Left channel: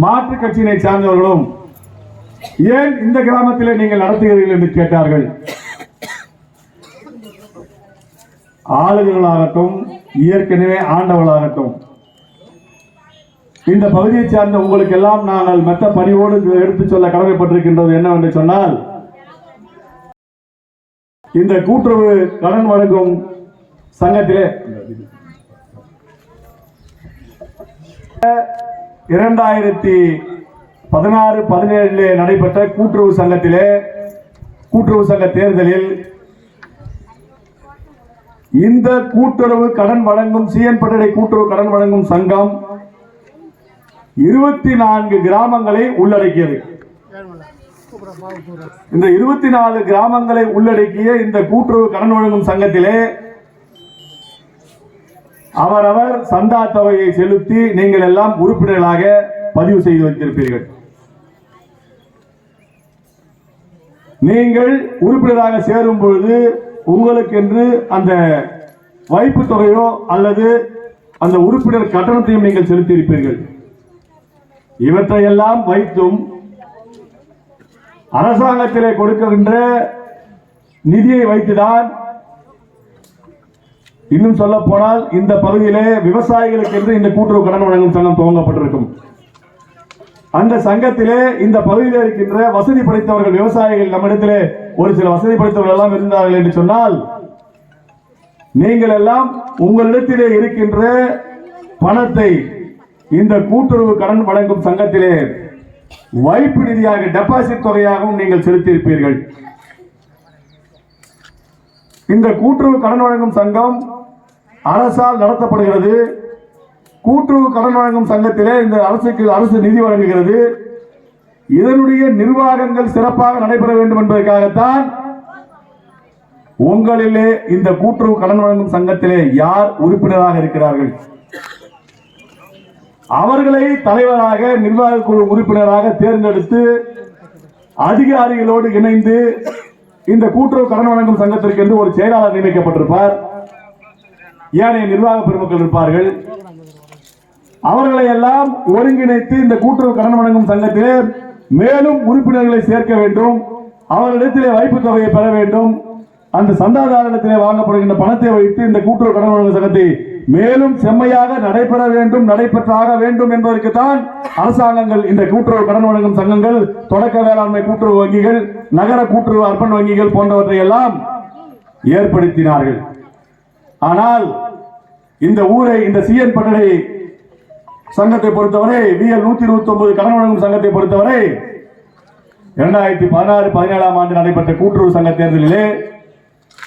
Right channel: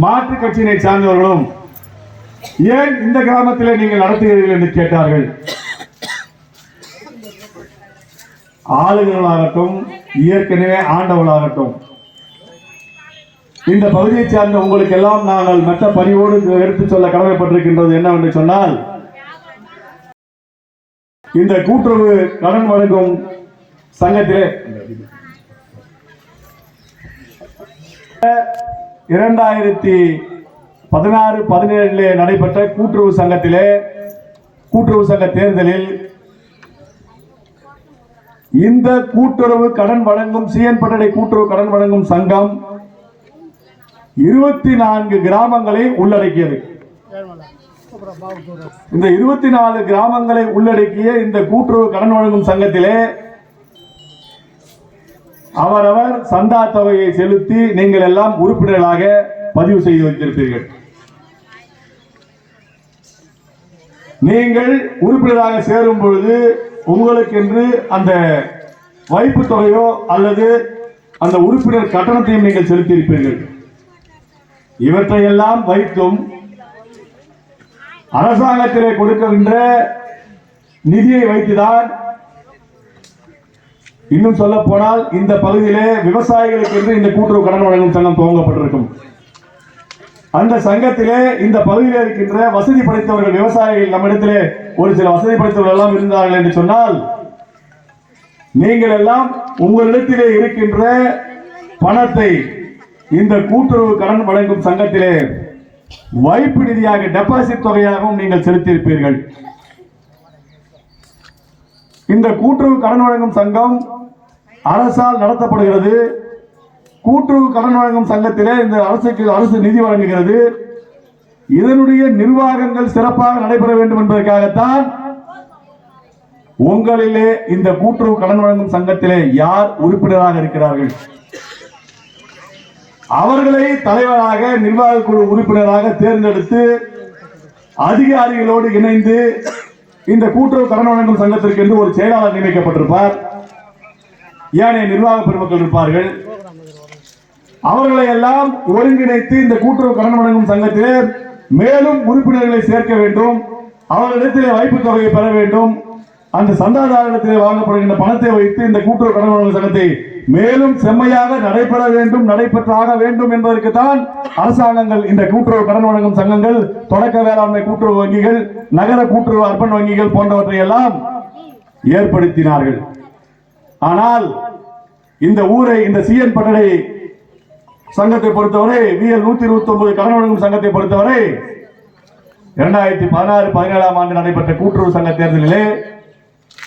மாற்று கட்சியினை சார்ந்தவர்களும் ஏன் இந்த கிராமத்தில் நீங்கள் நடத்துகிறீர்கள் என்று கேட்டார்கள்? ஆளுநர்களாகட்டும் ஏற்கனவே ஆண்டவர்களாகட்டும் இந்த பகுதியை சார்ந்த உங்களுக்கு எல்லாம் நாங்கள் மற்ற பணியோடு எடுத்து சொல்ல கடமைப்பட்டிருக்கின்றது என்னவென்று சொன்னால் இந்த கூட்டுறவு கடன் வழங்கும் சங்கத்திலே இரண்டாயிரத்தி பதினாறு பதினேழிலே நடைபெற்ற கூட்டுறவு சங்கத்திலே கூட்டுறவு சங்க தேர்தலில் இந்த கூட்டுறவு கடன் வழங்கும் சிஎன் பட்டடை கூட்டுறவு கடன் வழங்கும் சங்கம் இருபத்தி நான்கு கிராமங்களை உள்ளடக்கியது. இந்த இருபத்தி நாலு கிராமங்களை உள்ளடக்கிய இந்த கூட்டுறவு கடன் வழங்கும் சங்கத்திலே அவரவர் சந்தா தொகையை செலுத்தி நீங்கள் எல்லாம் உறுப்பினர்களாக பதிவு செய்து வைத்திருப்பீர்கள். நீங்கள் உறுப்பினராக சேரும் பொழுது உங்களுக்கென்று அந்த வைப்பு தொகையோ அல்லது அந்த உறுப்பினர் கட்டணத்தையும் நீங்கள் செலுத்தியிருப்பீர்கள். இவற்றையெல்லாம் வைத்தும் அரசாங்கத்திலே கொடுக்கின்ற நிதியை வைத்துதான் இன்னும் சொல்ல போனால் இந்த பகுதியிலே விவசாயிகளுக்கு என்று இந்த கூட்டுறவு கடன் வழங்கும் சங்கம் துவங்கப்பட்டிருக்கும். அந்த சங்கத்திலே இந்த பகுதியில் இருக்கின்ற வசதி படைத்தவர்கள் விவசாயிகள் நம்மிடத்திலே ஒரு சில வசதி படைத்தவர்கள் எல்லாம் இருந்தார்கள் என்று சொன்னால் நீங்கள் எல்லாம் உங்களிடத்திலே இருக்கின்ற பணத்தை இந்த கூட்டுறவு கடன் வழங்கும் சங்கத்திலே வைப்பு நிதியாக டெபாசிட் தொகையாகவும் நீங்கள் செலுத்தியிருப்பீர்கள். இந்த கூட்டுறவு கடன் வழங்கும் சங்கம் அரசால் நடத்தப்படுகிறது. கூட்டுறவு கடன் வழங்கும் சங்கத்திலே இந்த அரசுக்கு அரசு நிதி வழங்குகிறது. இதனுடைய நிர்வாகங்கள் சிறப்பாக நடைபெற வேண்டும் என்பதற்காகத்தான் உங்களிலே இந்த கூட்டுறவு கடன் வழங்கும் சங்கத்திலே யார் உறுப்பினராக இருக்கிறார்கள்? அவர்களை தலைவராக நிர்வாக குழு உறுப்பினராக தேர்ந்தெடுத்து அதிகாரிகளோடு இணைந்து இந்த கூட்டுறவு கடன் வழங்கும் சங்கத்திற்கு என்று ஒரு செயலாளர் நியமிக்கப்பட்டிருப்பார். ஏனைய நிர்வாக பெருமக்கள் இருப்பார்கள். அவர்களை எல்லாம் ஒருங்கிணைத்து இந்த கூட்டுறவு கடன் வழங்கும் சங்கத்திலே மேலும் உறுப்பினர்களை சேர்க்க வேண்டும். அவர்களிடத்திலே வைப்பு தொகையை பெற வேண்டும். அந்த சந்தாதாரத்திலே வாங்கப்படுகின்ற பணத்தை வைத்து இந்த கூட்டுறவு கடன் வழங்கும் சங்கத்தை மேலும் செம்மையாக நடைபெற வேண்டும் நடைபெற்றாக வேண்டும் என்பதற்கு தான் அரசாங்கங்கள் இந்த கூட்டுறவு கடன் வழங்கும் சங்கங்கள் தொடக்க வேளாண்மை கூட்டுறவு வங்கிகள் நகர கூட்டுறவு அர்ப்பன் வங்கிகள் போன்றவற்றை எல்லாம் ஏற்படுத்தினார்கள். ஆனால் இந்த ஊரை இந்த சிஎன் பட்டடை சங்கத்தை பொறுத்தவரை விஎல் நூத்தி இருபத்தி ஒன்பது கடன் வழங்கும் சங்கத்தை பொறுத்தவரை இரண்டாயிரத்தி பதினாறு பதினேழாம் ஆண்டு நடைபெற்ற கூட்டுறவு சங்க தேர்தலிலே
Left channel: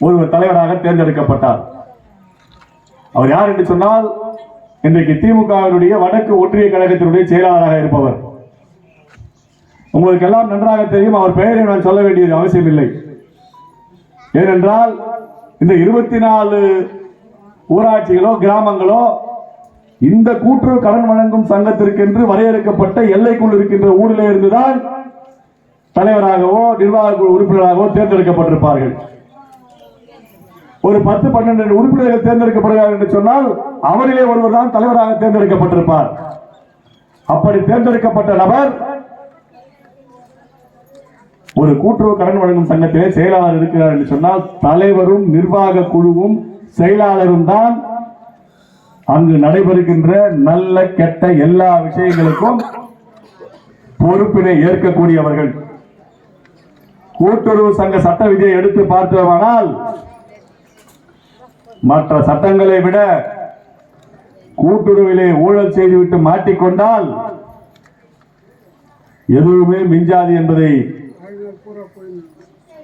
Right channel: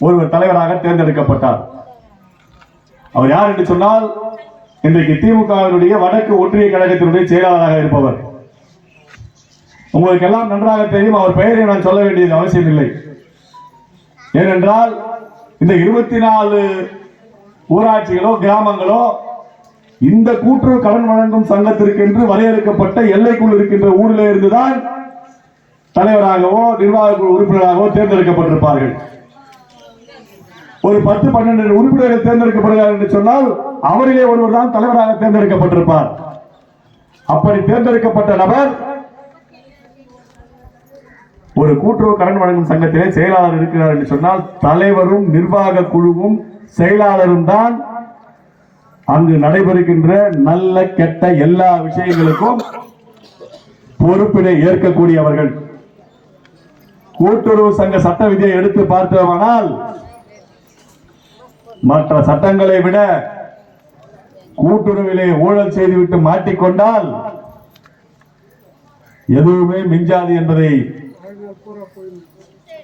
ஒருவர் தலைவராக தேர்ந்தெடுக்கப்பட்டார். அவர் யார் என்று சொன்னால் இன்றைக்கு திமுகவினுடைய வடக்கு ஒன்றிய கழகத்தினுடைய செயலாளராக இருப்பவர். உங்களுக்கு எல்லாம் நன்றாக தெரியும் அவர் பெயரை நான் சொல்ல வேண்டியது அவசியம் இல்லை ஏனென்றால் இந்த இருபத்தி நாலு ஊராட்சிகளோ கிராமங்களோ இந்த கூட்டுறவு கடன் வழங்கும் சங்கத்திற்கென்று வரையறுக்கப்பட்ட எல்லைக்குள் இருக்கின்ற ஊரில் இருந்துதான் தலைவராகவோ நிர்வாக குழு உறுப்பினராகவோ தேர்ந்தெடுக்கப்பட்டிருப்பார்கள். ஒரு பத்து பன்னெண்டு உறுப்பினர்கள் தேர்ந்தெடுக்கப்படுகிறார் என்று சொன்னால் அவரிலே ஒருவர் தான் தலைவராக தேர்ந்தெடுக்கப்பட்டிருப்பார். அப்படி தேர்ந்தெடுக்கப்பட்ட நபர் ஒரு கூட்டுறவு கடன் வழங்கும் சங்கத்திலே செயலாளர் இருக்கிறார் என்று சொன்னால் தலைவரும் நிர்வாக குழுவும் செயலாளரும் தான் அங்கு நடைபெறுகின்ற நல்ல கெட்ட எல்லா விஷயங்களுக்கும் பொறுப்பினை ஏற்கக்கூடியவர்கள். கூட்டுறவு சங்க சட்ட விதியை எடுத்து பார்த்தோமானால் மற்ற சட்டங்களை விட கூட்டுறவிலே ஊழல் செய்துவிட்டு மாட்டிக்கொண்டால் எதுவுமே மிஞ்சாது என்பதை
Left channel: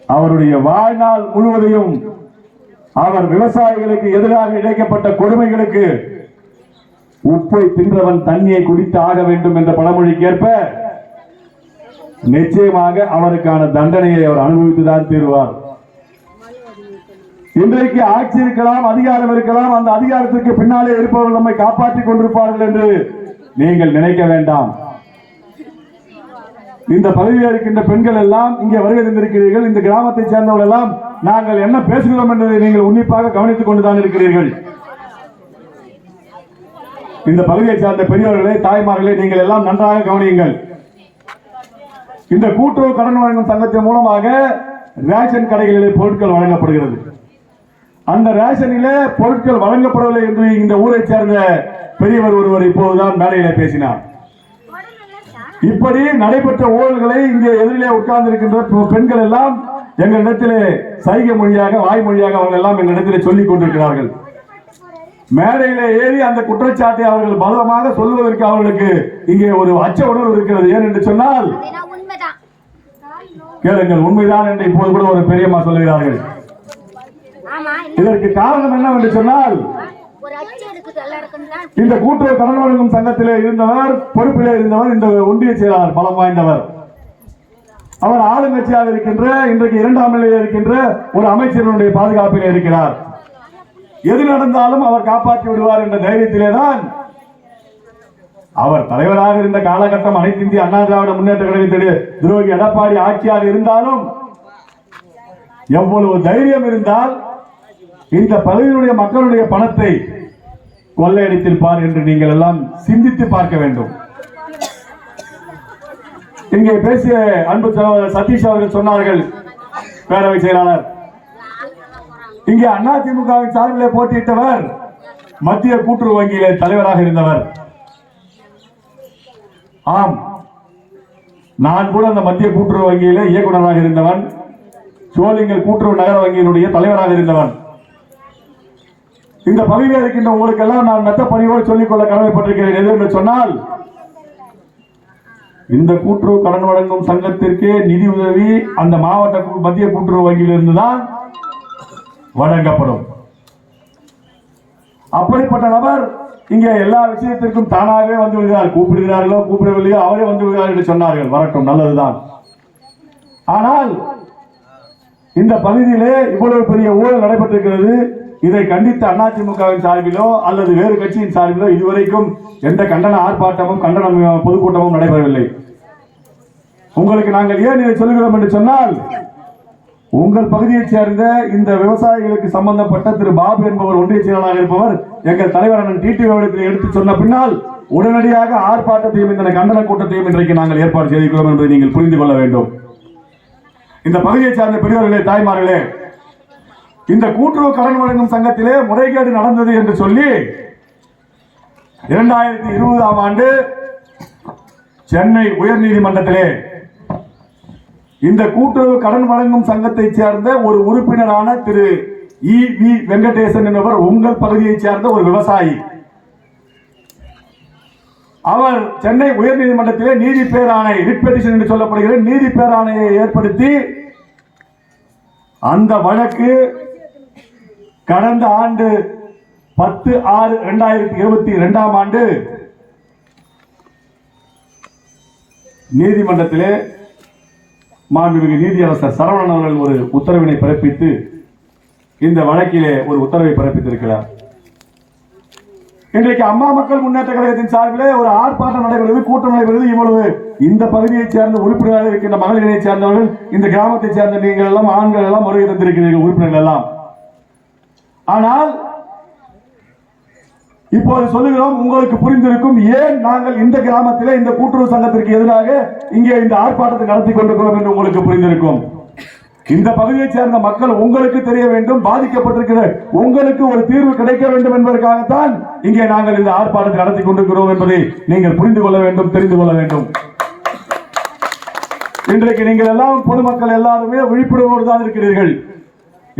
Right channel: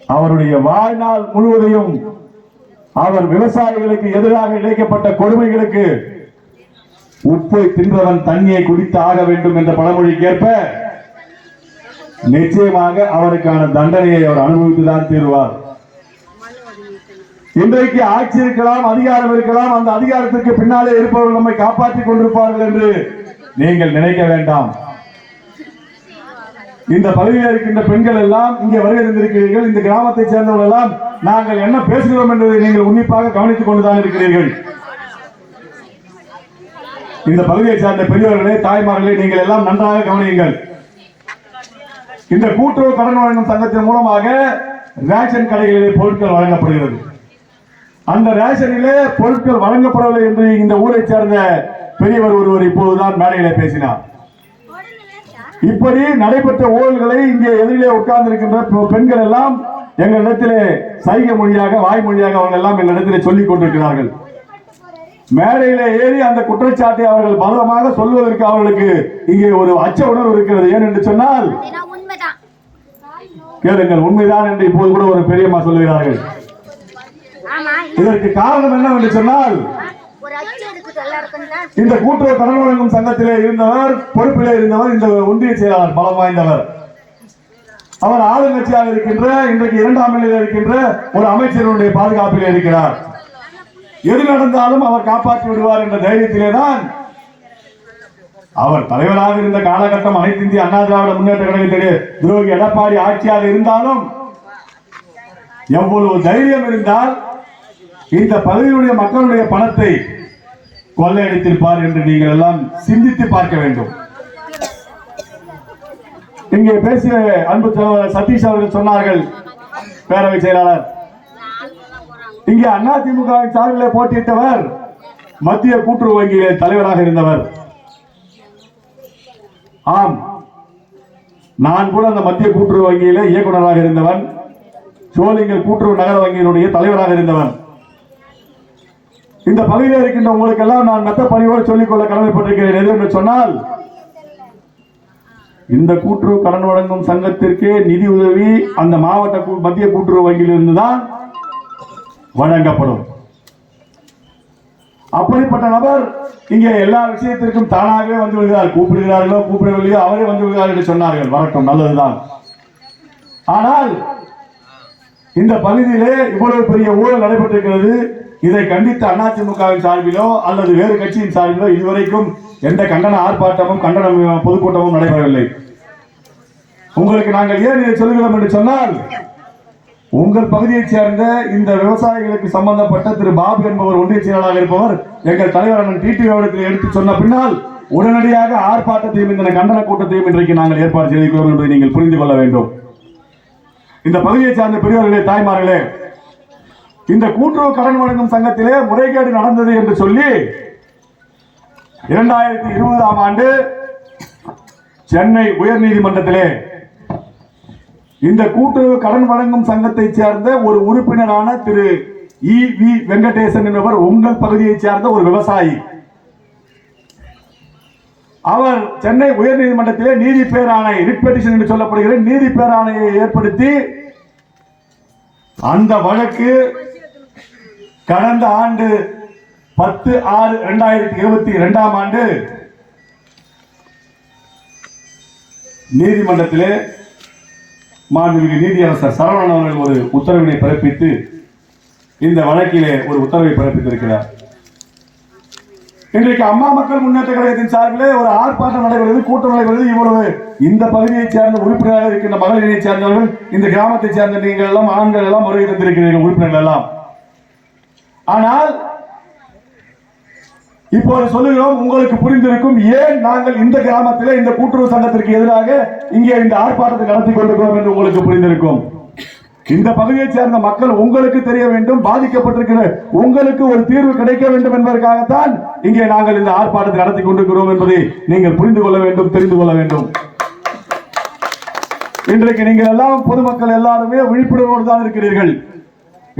அவருடைய வாழ்நாள் முழுவதையும் அவர் விவசாயிகளுக்கு எதிராக இழைக்கப்பட்ட கொடுமைகளுக்கு உப்பை தின்றவன் தண்ணியை குடித்து ஆக வேண்டும் என்ற பழமொழிக்கேற்ப நிச்சயமாக அவருக்கான தண்டனையை அவர் அனுபவித்துதான் தீருவார். இன்றைக்கு ஆட்சி இருக்கலாம் அதிகாரம் இருக்கலாம் அந்த அதிகாரத்திற்கு பின்னாலே இருப்பவர்கள் நம்மை காப்பாற்றிக் கொண்டிருப்பார்கள் என்று நீங்கள் நினைக்க வேண்டாம். இந்த பகுதியில் இருக்கின்ற பெண்கள் எல்லாம் இங்கே வருகை தந்திருக்கிறீர்கள். இந்த கிராமத்தை சேர்ந்தவர்கள் எல்லாம் நாங்கள் என்ன பேசுகிறோம் என்பதை நீங்கள் உன்னிப்பாக கவனித்துக் கொண்டுதான் இருக்கிறீர்கள். இந்த பகுதியை சார்ந்த பெரியவர்களே தாய்மார்களே நீங்கள் எல்லாம் நன்றாக கவனியுங்கள். இந்த கூட்டுறவு கடன் வழங்கும் சங்கத்தின் மூலமாக ரேஷன் கடைகளிலே பொருட்கள் வழங்கப்படுகிறது. அந்த ரேஷனிலே பொருட்கள் வழங்கப்படவில்லை என்று இந்த ஊரை சேர்ந்த பெரியவர் ஒருவர் இப்போதுதான் மேடையிலே பேசினார். இப்படி நடைபெற்ற ஊழல்களை இங்கே எதிரிலே உட்கார்ந்து இருக்கின்ற பெண்கள் எல்லாம் எங்களிடத்திலே சைகை மொழியாக வாய்மொழியாக அவர்கள் எல்லாம் எங்களிடத்திலே சொல்லிக் கொண்டிருக்கிறார்கள். மேடையில ஏறி அந்த குற்றச்சாட்டை அவர்கள் பலமாக சொல்வதற்கு அவர்களுக்கு இங்கே ஒரு அச்ச உணர்வு இருக்கிறது. ஏன் என்று சொன்னால் கேளுங்கள் உண்மைதான் என்று இப்போது கூட ஒரு பெரியம்மா சொல்லுகிறார்கள். இதற்கு காரணம் என்ன என்று சொன்னால் இந்த கூட்டுறவு கடன் வழங்கும் சங்கத்திலே இருந்தவர் பொறுப்பிலே இருந்தவர் இந்த ஒன்றிய செயலாளர் பலம் வாய்ந்தவர். அவர் ஆளுங்கட்சியாக இருக்கின்ற இன்றைக்கு இரண்டாம் நிலையில் இருக்கின்ற ஒரு அமைச்சரினுடைய பாதுகாப்பில் இருக்கிறார். எது நடந்தாலும் அவர் காப்பாற்றி விடுவார் என்ற தைரியத்திலே தான் அவர் தலைவராக இருந்த காலகட்டம் அனைத்து இந்திய அண்ணா திராவிட முன்னேற்ற கழகத்திலே துரோகி எடப்பாடி ஆட்சியாக இருந்தாலும் எவ்வளவு தைரியம் இருந்தால் இந்த பகுதியுடைய மக்களுடைய பணத்தை கொள்ளையடித்திருப்பார் என்று நீங்கள் எல்லாம் சிந்தித்து பார்க்க வேண்டும். இங்கே பேசிய அன்பு சதீஷ் அவர்கள் சொன்னார்கள். பேரவை செயலாளர். இங்கே அண்ணா திமுகவின் சார்பில் போட்டியிட்டவர் மத்திய கூட்டுறவு வங்கியிலே தலைவராக இருந்தவர். ஆம். நான் கூட அந்த மத்திய கூட்டுறவு வங்கியிலே இயக்குநராக இருந்தவன். சோழிங்கல் கூட்டுறவு நகர வங்கியினுடைய தலைவராக இருந்தவன். இந்த பகுதியில் இருக்கின்ற உங்களுக்கெல்லாம் நான் மெத்த பணியோடு சொல்லிக்கொள்ள கடமைப்பட்டிருக்கிறேன் எது என்று சொன்னால் இந்த கூட்டுறவு கடன் வழங்கும் சங்கத்திற்கே நிதி உதவி அந்த மாவட்ட மத்திய கூட்டுறவு வங்கியிலிருந்து தான் வழங்கப்படும். அப்படிப்பட்ட நபர் இங்கே எல்லா விஷயத்திற்கும் தானாகவே வந்து விடுகிறார். கூப்பிடுகிறார்களோ கூப்பிடவில்லையோ அவரே வந்து விடுகிறார் என்று சொன்னார்கள். வரட்டும் நல்லதுதான். ஆனால் இந்த பகுதியிலே இவ்வளவு பெரிய ஊழல் நடைபெற்றிருக்கிறது. இதை கண்டித்து அதிமுகவின் சார்பிலோ அல்லது வேறு கட்சியின் சார்பிலோ இதுவரைக்கும் எந்த கண்டன ஆர்ப்பாட்டமும் கண்டன பொதுக்கூட்டமும் நடைபெறவில்லை. உங்களுக்கு நாங்கள் ஏன் இதை சொல்கிறோம் என்று சொன்னால் உங்கள் பகுதியைச் சேர்ந்த இந்த விவசாயிகளுக்கு சம்பந்தப்பட்ட திரு. பாபு என்பவர் ஒன்றிய செயலாளராக இருப்பவர் எங்கள் தலைவர் டிடி இடத்தில் எடுத்து சொன்ன பின்னால் உடனடியாக ஆர்ப்பாட்டத்தையும் இந்த கண்டன கூட்டத்தையும் இன்றைக்கு நாங்கள் ஏற்பாடு செய்திருக்கிறோம் என்பதை நீங்கள் புரிந்து கொள்ள வேண்டும். இந்த பகுதியை சார்ந்த பெரியவர்களே தாய்மார்களே இந்த கூட்டுறவு கடன் வழங்கும் சங்கத்திலே முறைகேடு நடந்தது என்று சொல்லி இரண்டாயிரத்தி இருபதாம் ஆண்டு சென்னை உயர்நீதிமன்றத்திலே இந்த கூட்டுறவு கடன் வழங்கும் சங்கத்தை சேர்ந்த ஒரு உறுப்பினரான திரு இ வி வெங்கடேசன் என்பவர் உங்கள் பகுதியைச் சேர்ந்த ஒரு விவசாயி. அவர் சென்னை உயர்நீதிமன்றத்திலே நீதி பேராணை ரிட் பெட்டிஷன் என்று சொல்லப்படுகிற நீதி பேராணையை ஏற்படுத்தி அந்த வழக்கு கடந்த ஆண்டு பத்து ஆறு இரண்டாயிரத்தி இருபத்தி இரண்டாம் ஆண்டு நீதிமன்றத்திலே மாண்புமிகு நீதியரசர் சரவணன் அவர்கள் ஒரு உத்தரவினை பிறப்பித்து இந்த வழக்கிலே ஒரு உத்தரவை பிறப்பித்திருக்கிறார். இன்றைக்கு அம்மா மக்கள் முன்னேற்ற கழகத்தின் சார்பிலே ஒரு ஆர்ப்பாட்டம் நடைபெறுகிறது கூட்டம் நடைபெறுது இவ்வளவு இந்த பகுதியைச் சேர்ந்த உறுப்பினராக இருக்கின்ற மகளிரை சேர்ந்தவர்கள் இந்த கிராமத்தைச் சேர்ந்த நீங்கள் எல்லாம் ஆண்கள் எல்லாம் வருகை தந்திருக்கிறீர்கள் உறுப்பினர்கள் எல்லாம். ஆனால் இப்போது சொல்லுகிறோம் உங்களுக்கு புரிந்திருக்கும் ஏன் நாங்கள் இந்த கிராமத்திலே இந்த கூட்டுறவு சங்கத்திற்கு எதிராக இங்கே இந்த ஆர்ப்பாட்டத்தை நடத்தி கொண்டிருக்கிறோம் என்று உங்களுக்கு புரிந்திருக்கும். இந்த பகுதியைச் சேர்ந்த மக்கள் உங்களுக்கு தெரிய வேண்டும் பாதிக்கப்பட்டிருக்கிற உங்களுக்கு ஒரு தீர்வு கிடைக்க வேண்டும் என்பதற்காகத்தான் இங்கே நாங்கள் இந்த ஆர்ப்பாட்டத்தை நடத்தி கொண்டிருக்கிறோம் என்பதை நீங்கள் புரிந்து கொள்ள வேண்டும் தெரிந்து கொள்ள வேண்டும். இன்றைக்கு நீங்கள் எல்லாம் பொதுமக்கள் எல்லாருமே விழிப்புணர்வோடு தான் இருக்கிறீர்கள்.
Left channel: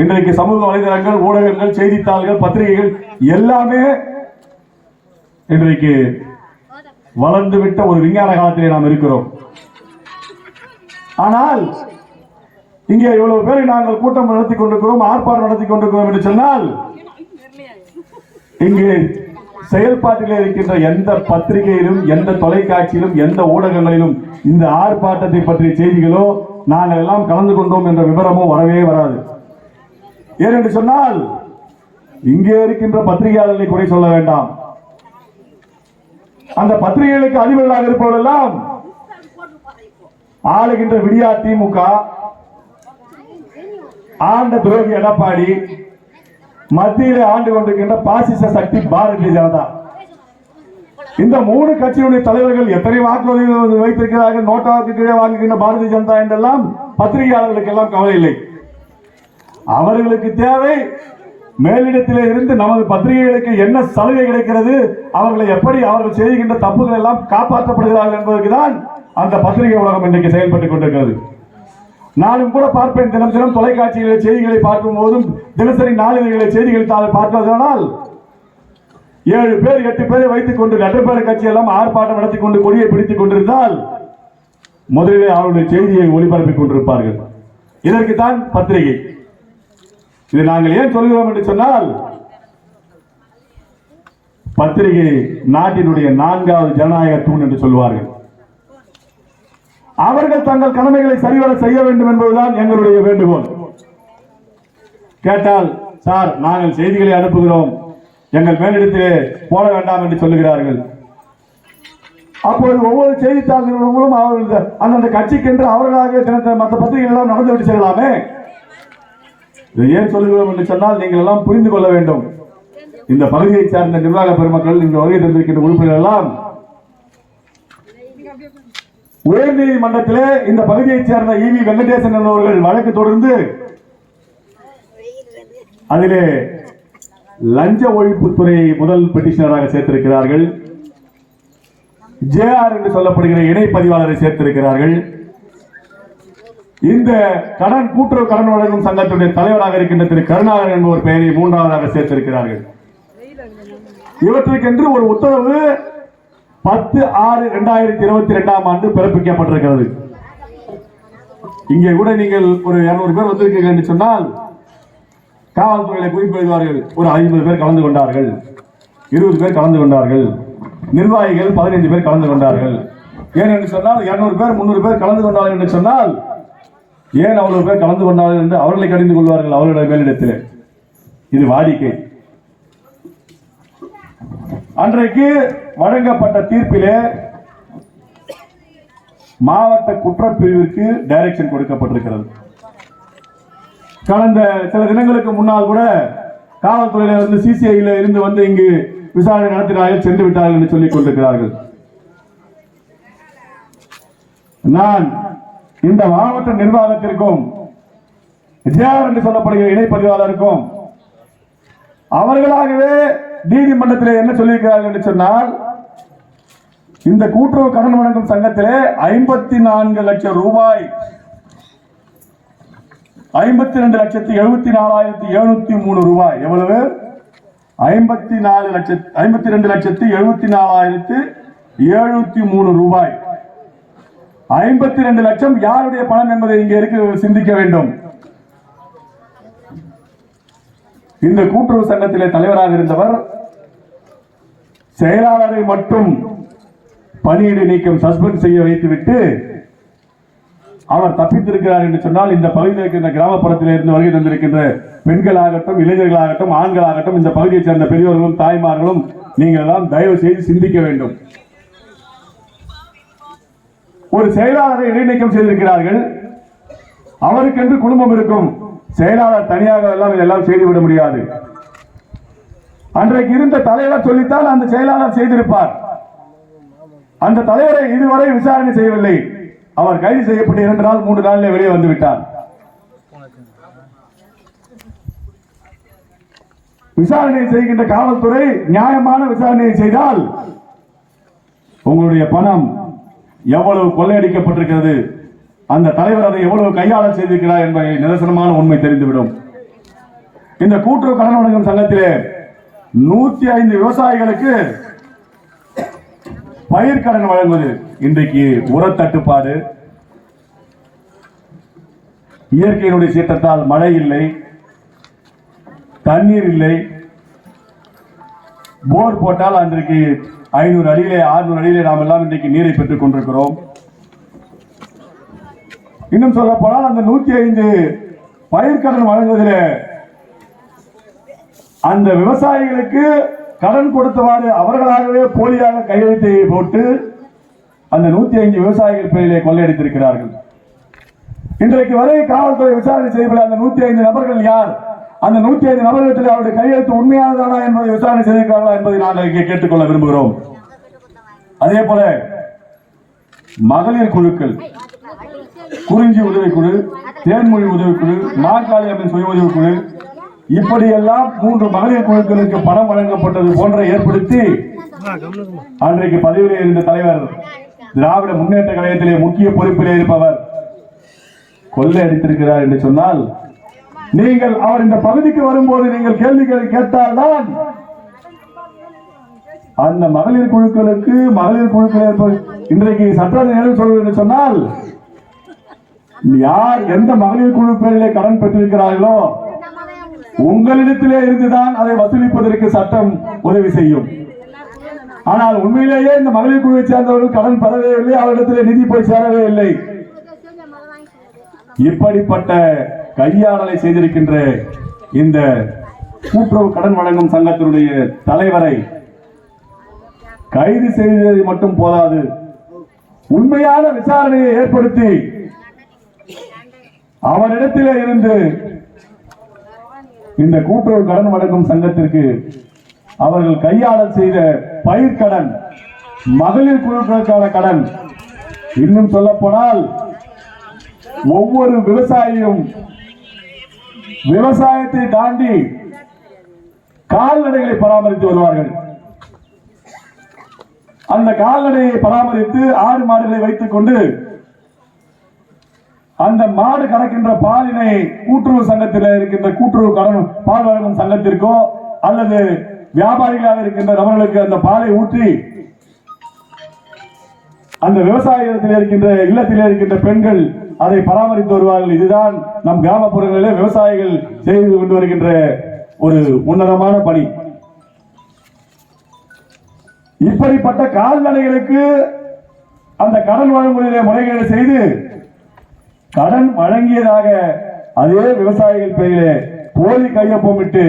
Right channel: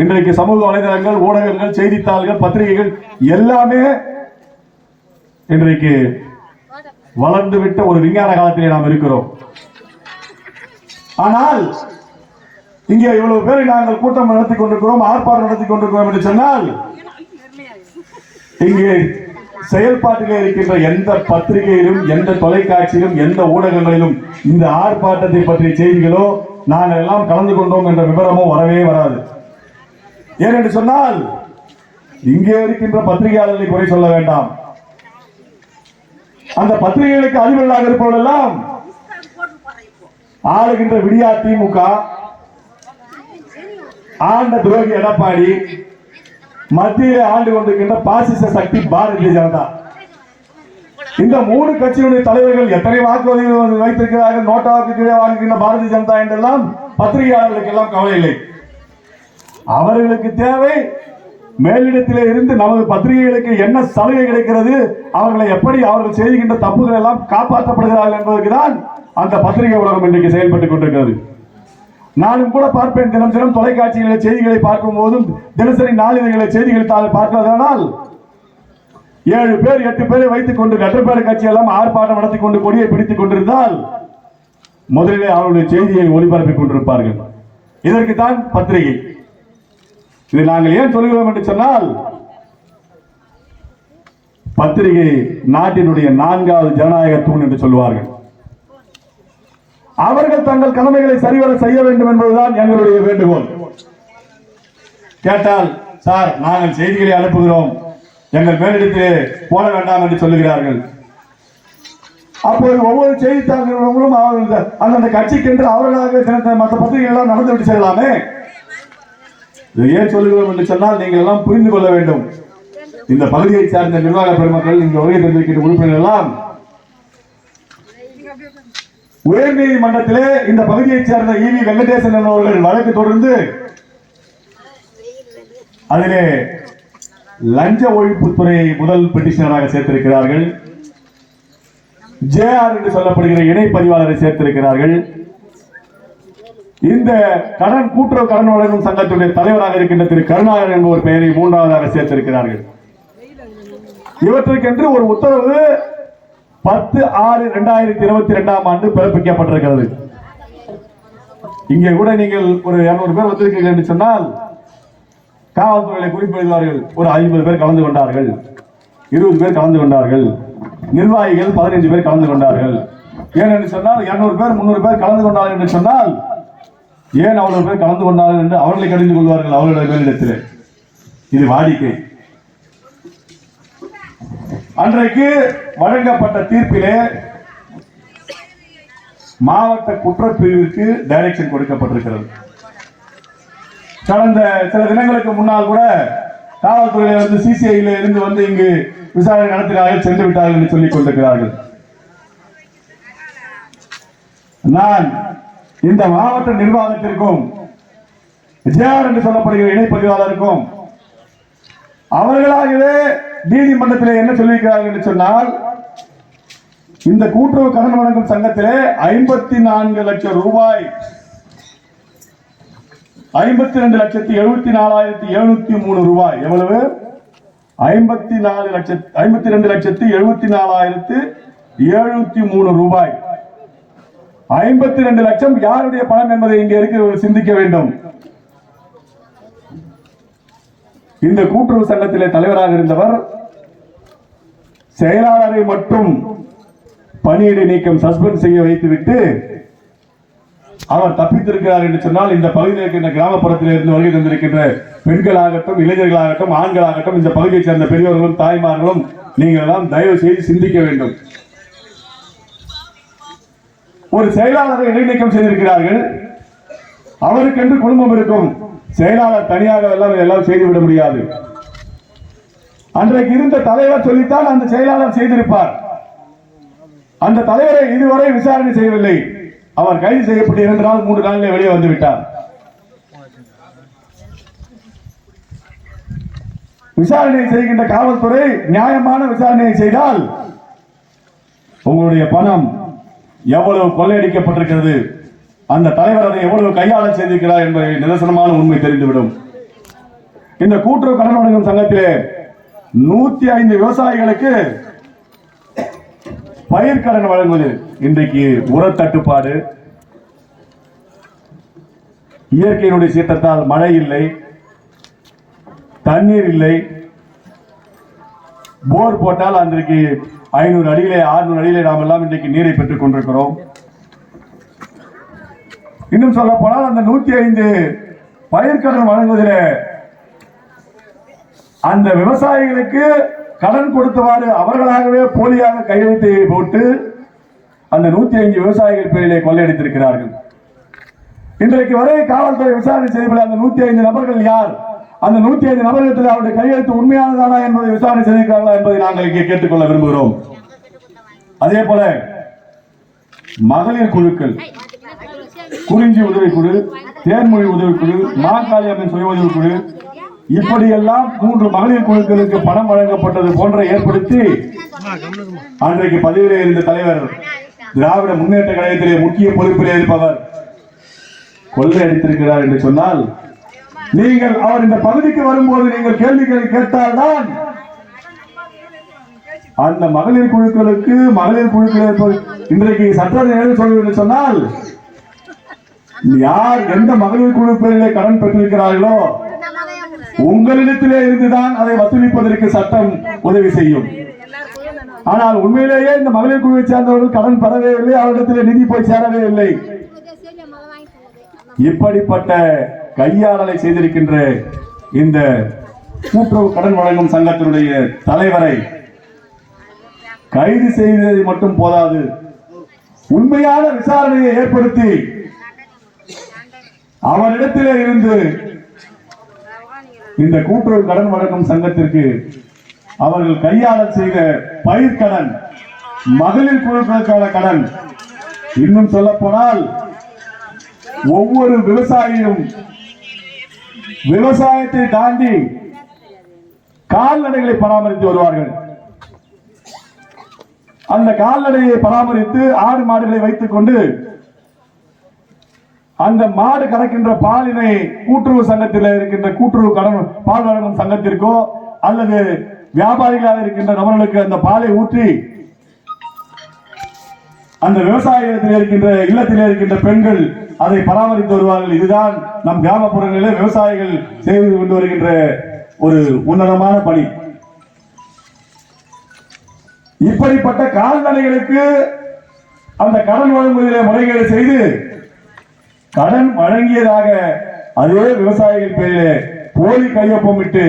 இன்றைக்கு சமூக வலைதளங்கள் ஊடகங்கள் செய்தித்தாள்கள் பத்திரிகைகள் எல்லாமே இன்றைக்கு வளர்ந்து விட்ட ஒரு விஞ்ஞான காலத்திலே நாம் இருக்கிறோம். ஆனால் இங்கே இவ்வளவு பேரை நாங்கள் கூட்டம் நடத்தி கொண்டிருக்கிறோம் ஆர்ப்பாட்டம் நடத்தி கொண்டிருக்கிறோம் என்று சொன்னால் இங்கே செயல்பாட்டிலே இருக்கின்ற எந்த பத்திரிகையிலும் எந்த தொலைக்காட்சியிலும் எந்த ஊடகங்களிலும் இந்த ஆர்ப்பாட்டத்தை பற்றிய செய்திகளோ நாங்கள் எல்லாம் கலந்து கொண்டோம் என்ற விவரமோ வரவே வராது. ஏனென்று சொன்னால் இங்கே இருக்கின்ற பத்திரிகையாளர்களை குறை சொல்ல வேண்டாம். அந்த பத்திரிகைகளுக்கு அதிபர்களாக இருப்பவரெல்லாம் ஆளுகின்ற விடியா திமுக ஆண்ட துரோகி எடப்பாடி மத்தியில் ஆண்டு கொண்டிருக்கின்ற பாசிச சக்தி பாரதிய ஜனதா. இந்த மூணு கட்சியுடைய தலைவர்கள் எத்தனை வாக்குறுதிகள் வைத்திருக்கிறார்கள் நோட்டா வாக்கு கீழே வாழ்கின்ற பாரதிய ஜனதா என்றெல்லாம் பத்திரிகையாளர்களுக்கு எல்லாம் கவலை இல்லை. அவர்களுக்கு தேவை மேலிடத்தில் இருந்து நமது பத்திரிகைகளுக்கு என்ன சலுகை கிடைக்கிறது அவர்களை எப்படி அவர்கள் செய்கின்ற தப்புகள் எல்லாம் காப்பாற்றப்படுகிறார்கள் என்பதற்கு தான் அந்த பத்திரிகை உலகம் இன்றைக்கு செயல்பட்டுக் கொண்டிருக்கிறது. நானும் கூட பார்ப்பேன். தினம் தினம் தொலைக்காட்சிகளில் செய்திகளை பார்க்கும் போதும் தினசரி நாளிதழ்களை செய்திகளை தான் பார்ப்பதனால் ஏழு பேர் எட்டு பேரை வைத்துக் கொண்டு நடுப்பாடு கட்சி எல்லாம் ஆர்ப்பாட்டம் நடத்தி கொண்டு கொடியை பிடித்துக் கொண்டிருந்தால் முதலிலே அவருடைய செய்தியை ஒளிபரப்பிக் கொண்டிருப்பார்கள். இதற்கு தான் பத்திரிகை. இது நாங்கள் ஏன் சொல்கிறோம் என்று சொன்னால் பத்திரிகை நாட்டினுடைய நான்காவது ஜனநாயக தூண் என்று சொல்வார்கள் அவர்கள் தங்கள் கடமைகளை சரிவர செய்ய வேண்டும் என்பதுதான் எங்களுடைய வேண்டுகோள். கேட்டால் சார் நாங்கள் செய்திகளை அனுப்புகிறோம். எங்கள் மேலிடத்திலே போட வேண்டாம் என்று சொல்லுகிறார்கள். அப்போது ஒவ்வொரு செய்தித்தாள் அவர்கள் அந்தந்த கட்சிக்கென்று அவர்களாக மற்ற பத்திரிகைகள் எல்லாம் நடந்துவிட்டு செல்லலாமே? இது ஏன் சொல்லுகிறோம் என்று சொன்னால் நீங்கள் எல்லாம் புரிந்து கொள்ள வேண்டும். இந்த பகுதியை சார்ந்த நிர்வாக பெருமக்கள் இந்த வருகை தந்திருக்கின்ற உறுப்பினர் எல்லாம் உயர்நீதிமன்றத்திலே இந்த பகுதியைச் சேர்ந்த இவி வெங்கடேசன் என்பவர்கள் வழக்கு தொடர்ந்து அதிலே லஞ்ச ஒழிப்புத்துறை முதல் பெட்டிஷனராக சேர்த்திருக்கிறார்கள். ஜேஆர் என்று சொல்லப்படுகிற இணை பதிவாளரை சேர்த்திருக்கிறார்கள். இந்த கடன் கூட்டுறவு கடன் வழங்கும் சங்கத்துடைய தலைவராக இருக்கின்ற திரு கருணாகரன் என்பவர் பெயரை மூன்றாவதாக சேர்த்திருக்கிறார்கள். இவற்றுக்கென்று ஒரு உத்தரவு பத்து ஆறு இரண்டாயிரத்தி இருபத்தி இரண்டாம் ஆண்டு பிறப்பிக்கப்பட்டிருக்கிறது. இங்கே கூட நீங்கள் ஒரு இருநூறு பேர் வந்திருக்கீர்கள் என்று சொன்னால் காவல்துறையில குறிப்பு எழுதுவார்கள் ஒரு ஐம்பது பேர் கலந்து கொண்டார்கள் இருபது பேர் கலந்து கொண்டார்கள் நிர்வாகிகள் பதினைஞ்சு பேர் கலந்து கொண்டார்கள். ஏன் என்று சொன்னால் இருநூறு பேர் முன்னூறு பேர் கலந்து கொண்டார்கள் என்று சொன்னால் ஏன் அவ்வளவு பேர் கலந்து கொண்டார்கள் என்று அவர்களை கடிந்து கொள்வார்கள் அவர்களோட மேலிடத்தில்? இது வாடிக்கை. அன்றைக்கு வழங்கப்பட்ட தீர்ப்பிலே மாவட்ட குற்றப்பிரிவுக்கு டைரக்ஷன் கொடுக்கப்பட்டிருக்கிறது. கடந்த சில தினங்களுக்கு முன்னால் கூட காவல்துறையில வந்து சிசிஐல இருந்து வந்து இங்கு விசாரணை நடத்தினார்கள் சென்று விட்டார்கள் என்று சொல்லிக் கொண்டிருக்கிறார்கள். நான் இந்த மாவட்ட நிர்வாகத்திற்கும் ஜேஆர் என்று சொல்லப்படுகிற இணைப்பதிவாளருக்கும் அவர்களாகவே நீதிமன்றத்தில் என்ன சொல்லியிருக்கிறார்கள் என்று சொன்னால் இந்த கூட்டுறவு கடன் வழங்கும் சங்கத்திலே ஐம்பத்தி நான்கு லட்சம் ரூபாய் ஐம்பத்தி ரெண்டு லட்சத்தி எழுபத்தி நாலாயிரத்தி எழுநூத்தி மூணு ரூபாய். எவ்வளவு? ஐம்பத்தி நாலு லட்சத்தி ஐம்பத்தி ரெண்டு லட்சத்தி எழுபத்தி நாலாயிரத்து எழுநூத்தி மூணு ரூபாய். ஐம்பத்தி ரெண்டு லட்சம் யாருடைய பணம் என்பதை இங்கே இருக்க சிந்திக்க வேண்டும். இந்த கூட்டுறவு சங்கத்திலே தலைவராக இருந்தவர் செயலாளரை மட்டும் பணியிடை நீக்கம் சஸ்பெண்ட் செய்ய வைத்துவிட்டு அவர் தப்பித்திருக்கிறார் என்று சொன்னால் இந்த பகுதியில் இருக்கின்ற கிராமப்புறத்தில் இருந்து வருகை தந்திருக்கின்ற பெண்களாகட்டும் இளைஞர்களாகட்டும் ஆண்களாகட்டும் இந்த பகுதியைச் சேர்ந்த பெரியவர்களும் தாய்மார்களும் நீங்கள் எல்லாம் தயவு செய்து சிந்திக்க வேண்டும். ஒரு செயலாளரை இடைநீக்கம் செய்திருக்கிறார்கள். அவருக்கென்று குடும்பம் இருக்கும். செயலாளர் தனியாக எல்லாம் எல்லாம் செய்துவிட முடியாது. அன்றைக்கு இருந்த தலைவர் சொல்லித்தான் அந்த செயலாளர் செய்திருப்பார். அந்த தலைவரை இதுவரை விசாரணை செய்யவில்லை. அவர் கைது செய்யப்பட்டு இரண்டு நாள் மூன்று நாளிலே வெளியே வந்து விட்டார். விசாரணை செய்கின்ற காவல்துறை நியாயமான விசாரணையை செய்தால் உங்களுடைய பணம் எவ்வளவு கொள்ளையடிக்கப்பட்டிருக்கிறது? அந்த தலைவர் அதை எவ்வளவு கையாள செய்திருக்கிறார் என்பதை நிதர்சனமான உண்மை தெரிந்துவிடும். இந்த கூட்டுறவு கடன் வழங்கும் சங்கத்திலே நூத்தி ஐந்து விவசாயிகளுக்கு பயிர்க்கடன் வழங்குவது இன்றைக்கு உரத்தட்டுப்பாடு. இயற்கையினுடைய சீற்றத்தால் மழை இல்லை தண்ணீர் இல்லை. போர் போட்டால் அன்றைக்கு ஐநூறு அடிகளே ஆறுநூறு அடிகளை நாம் எல்லாம் இன்றைக்கு நீரை பெற்றுக் கொண்டிருக்கிறோம். இன்னும் சொல்ல போனால் அந்த நூத்தி ஐந்து பயிர்க்கடன் வழங்குவதில் அந்த விவசாயிகளுக்கு கடன் கொடுத்தவாறு அவர்களாகவே போலியாக கையெழுத்தை போட்டு அந்த நூத்தி ஐந்து விவசாயிகள் பேரிலே கொள்ளையடித்திருக்கிறார்கள். இன்றைக்கு வரை காவல்துறை விசாரணை செய்யப்பட அந்த நூத்தி ஐந்து நபர்கள் யார்? அந்த நூத்தி ஐந்து நபர்களிடத்தில் அவருடைய கையெழுத்து உண்மையானதானா என்பதை விசாரணை செய்திருக்கிறார்களா என்பதை நாங்கள் இங்கே கேட்டுக்கொள்ள விரும்புகிறோம். அதே போல மகளிர் குழுக்கள் குறிஞ்சி உதவிக்குழு தேன்மொழி உதவிக்குழு நாற்காலி அம்மன் சுய உதவிக்குழு இப்படியெல்லாம் மூன்று மகளிர் குழுக்களுக்கு பணம் வழங்கப்பட்டது போன்ற ஏற்படுத்தி அன்றைக்கு பதவியிலே இருந்த தலைவர் திராவிட முன்னேற்ற கழகத்திலே முக்கிய பொறுப்பிலே இருப்பவர் கொள்ளை அடித்திருக்கிறார் என்று சொன்னால் நீங்கள் அவர் இந்த பகுதிக்கு வரும்போது நீங்கள் கேள்விகளை கேட்டால்தான் அந்த மகளிர் குழுக்களுக்கு மகளிர் குழுக்கள் இன்றைக்கு சட்ட நிலையில் என்று சொன்னால் யார் எந்த மகளிர் குழுக்களிலே கடன் பெற்றிருக்கிறார்களோ உங்களிடத்திலே இருந்துதான் அதை வசூலிப்பதற்கு சட்டம் உதவி செய்யும். ஆனால் உண்மையிலேயே இந்த மகளிர் குழுவை சேர்ந்தவர்கள் கடன் பெறவே இல்லை அவரிடத்திலே நிதி போய் சேரவே இல்லை. இப்படிப்பட்ட கையாளலை செய்திருக்கின்ற இந்த கூட்டுறவு கடன் வழங்கும் சங்கத்தினுடைய தலைவரை கைது செய்தது மட்டும் போதாது உண்மையான விசாரணையை ஏற்படுத்தி அவரிடத்திலே இருந்து இந்த கூட்டுறவு கடன் வழங்கும் சங்கத்திற்கு அவர்கள் கையாளல் செய்த பயிர்கடன் மகளிர் குழுக்களுக்கான கடன் இன்னும் சொல்ல போனால் ஒவ்வொரு விவசாயியும் விவசாயத்தை தாண்டி கால்நடைகளை பராமரித்து வருவார்கள். அந்த கால்நடையை பராமரித்து ஆடு மாடுகளை வைத்துக் கொண்டு அந்த மாடு கறக்கின்ற பாலினை கூட்டுறவு சங்கத்தில் இருக்கின்ற கூட்டுறவு கடன் பால் வழங்கும் சங்கத்திற்கோ அல்லது வியாபாரிகளாக இருக்கின்ற நபர்களுக்கு அந்த பாலை ஊற்றி அந்த விவசாய இருக்கின்ற இல்லத்தில் இருக்கின்ற பெண்கள் அதை பராமரித்து வருவார்கள். இதுதான் நம் கிராமப்புறங்களிலே விவசாயிகள் செய்து கொண்டு வருகின்ற ஒரு உன்னதமான பணி. இப்படிப்பட்ட கால்நடைகளுக்கு அந்த கடன் வழங்குவதிலே முறைகேடு செய்து கடன் வழங்கியதாக அதே விவசாயிகள் பேரிலே போலி கையொப்பமிட்டு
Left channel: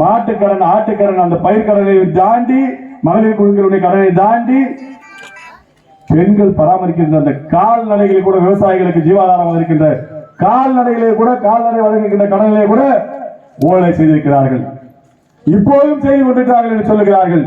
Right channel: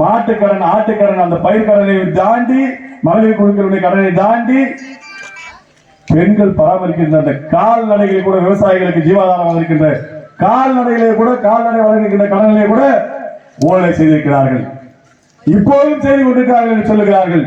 மாட்டுக்கடன் ஆட்டுக்கடன் அந்த பயிர்க்கடனை தாண்டி மகளிர் குழுக்களுடைய கடனை தாண்டி பெண்கள் பராமரிக்கின்ற அந்த கால்நடைகளை கூட விவசாயிகளுக்கு ஜீவாதாரம் இருக்கின்ற கால்நடைகளை கூட கால்நடை வழங்குகின்ற கடனிலே கூட ஊழலை செய்திருக்கிறார்கள். இப்போதும் செய்து கொண்டிருக்கிறார்கள் என்று சொல்லுகிறார்கள்.